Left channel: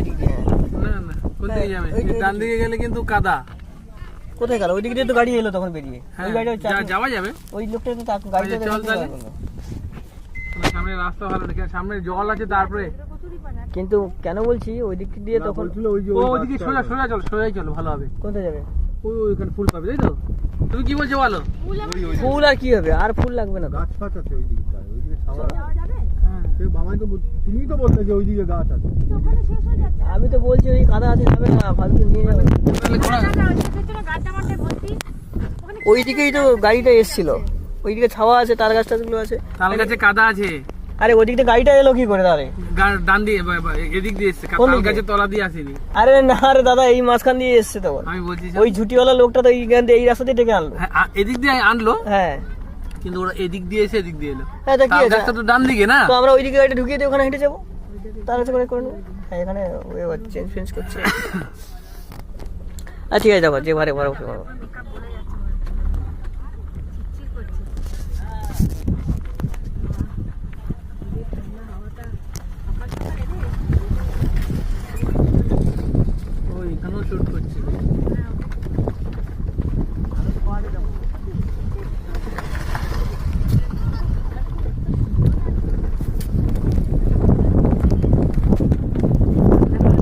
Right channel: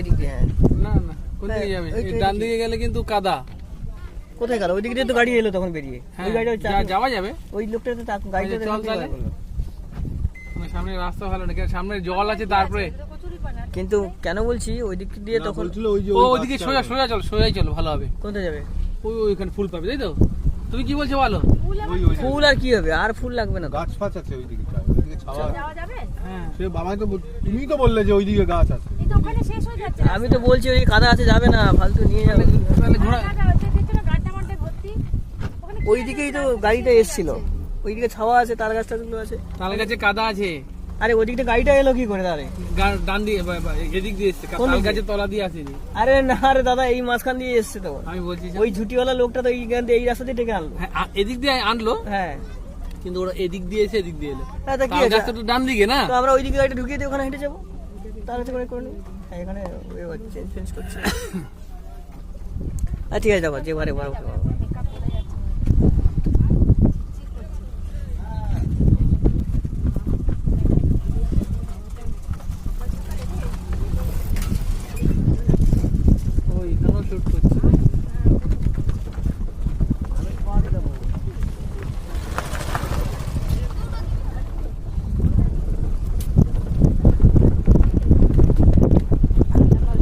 এদিক দিয়ে। না না, কোন দিকে যাবে? ডান দিকে গেলে কিন্তু কাদা। কোথায় গেল? ওই দিক দিয়ে তো গাড়ি এলো তখন বেরিয়ে। ওই গাড়িটা যাওয়া যাবে। ওই লোকটা তো গাড়িটা চল তাহলে। সামনে রাস্তা ভালো না, সামনে জল আছে। তারপরে কিন্তু কেন বলছি ওই দিক দিয়ে তখন ওইদিকে সোজা সোজা চল, সোজাই চলো, ভালো হবে। কোথায় যাবে? ওইখানে ফুল পাবে, তাই তো? তুমি কি বলছো বলো? ফুল আর কি হবে? আর ফুল লাগবে না। গাছ ফাছ আছে ওইদিকে, ওইদিকে ছাওয়া যাবে। হ্যাঁ, সে বাবাই তো, তুমি তো বললে যে ওইদিকে গাছ আছে। কিন্তু ওখানে শেষ হয়ে যাচ্ছে। আমি তো বলছি ওই কাদা আছে, যাবে না, ফালতু নিয়ে যাবে। তাহলে ঘোড়া ওইদিকেই তো গাড়িটা এসেছিল, ওইদিকে ছাওয়া আছে, তাল গাছটাগুলো আছে, তাল গাছে কাদা আছে। আরে ওইদিকে গাড়িটা এলো কি করে তাহলে? ডান দিয়ে এদিক দিয়ে এসছে, তাল গাছের তলা দিয়ে আসেনি। আরে না রে দাদা, এই মাঝখান দিয়ে এসছে তখন। আমি বলছি ওই ঝুটিওয়ালা লোকটা তো এই রাস্তা দিয়ে ডেকে আনলো। হ্যাঁ, এদিক দিয়ে আনলো, হ্যাঁ কিন্তু ওরা এদিক দিয়ে এসে এদিক দিয়ে এলো। হ্যাঁ, তা কি তাল আছে? গাছটা তো ডান দিকে না। তো আমরা ওইদিকে গাড়িটা ঢুকিয়ে দিয়ে ওখানে হেঁটে যাবো, তাড়াতাড়ি করে নেবো। হ্যাঁ, এখানে চেঞ্জ ফেঞ্জ করছে। আচ্ছা ঠিক আছে, দেখো যে বারে বারো ওই এখানেও শুট করছে।